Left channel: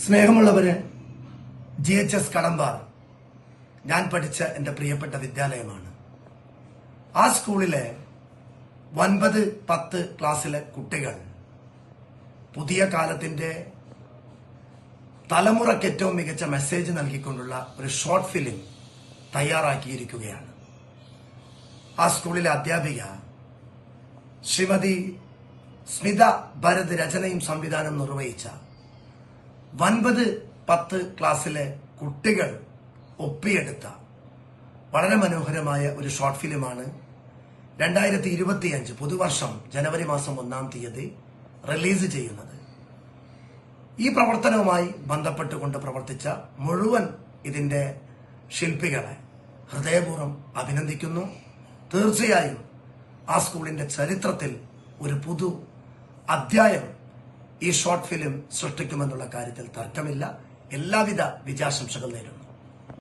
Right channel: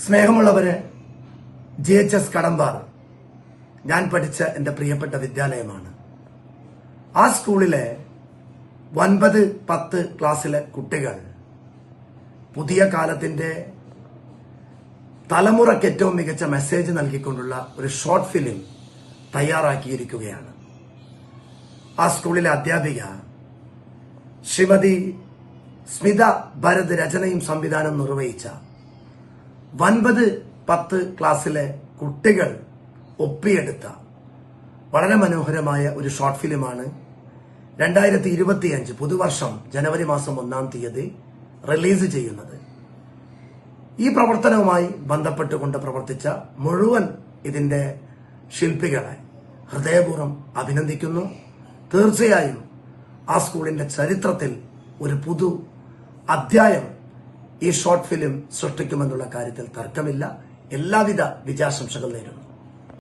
സ്നേഹമുള്ളവരെ, GHS കടമ്പാർ ഞാൻ പഠിച്ച എന്റെ പ്രിയപ്പെട്ട വിദ്യാലയമാണ്. ആ സ്കൂളിലെ 9, 10 ക്ലാസ്സിലെ കുട്ടികൾ പുതിയ കാലത്തിന്റെ തലമുറയ്ക്ക് ഏറ്റവും മികച്ച മെസ്സേജ് നൽകിക്കൊണ്ടുള്ള ഒരു ഷോർട്ട് ഫിലിം തയ്യാറാക്കിയിരിക്കുകയാണ്. ആ സ്കൂളിലെ അധ്യാപിക ശ്രീമതി സ്മിത ഭരത് രചനയും സംവിധാനം നിർവഹിച്ച 9, 10 ക്ലാസ്സിലെ കുട്ടികൾ ഒപ്പിയെടുത്ത വളരെ മനോഹരമായ ഒരു ഷോർട്ട് ഫിലിമാണ് 2025 പുതുവർഷം ജനുവരി മാസം 1-ാം തീയതി റിലീസ് ചെയ്യുന്നത്. ഈ പ്രവർത്തനവുമായി ബന്ധപ്പെട്ടുകൊണ്ട് പ്രവർത്തിച്ച മുഴുവൻ ഇതിന്റെ ശില്പികളെ ഹൃദയപൂർവ്വം അഭിനന്ദിക്കുന്നു. തീർച്ചയായും ആ സ്കൂളിന്റെ ചരിത്രത്തിൽ ഒരു പുതു അധ്യായം ഈ ഷോർട്ട് ഫിലിം സൃഷ്ടിക്കുമെന്നുള്ള കാര്യത്തിൽ തർക്കമില്ല. എല്ലാവിധ വിജയാശംസകൾ നേരുന്നു.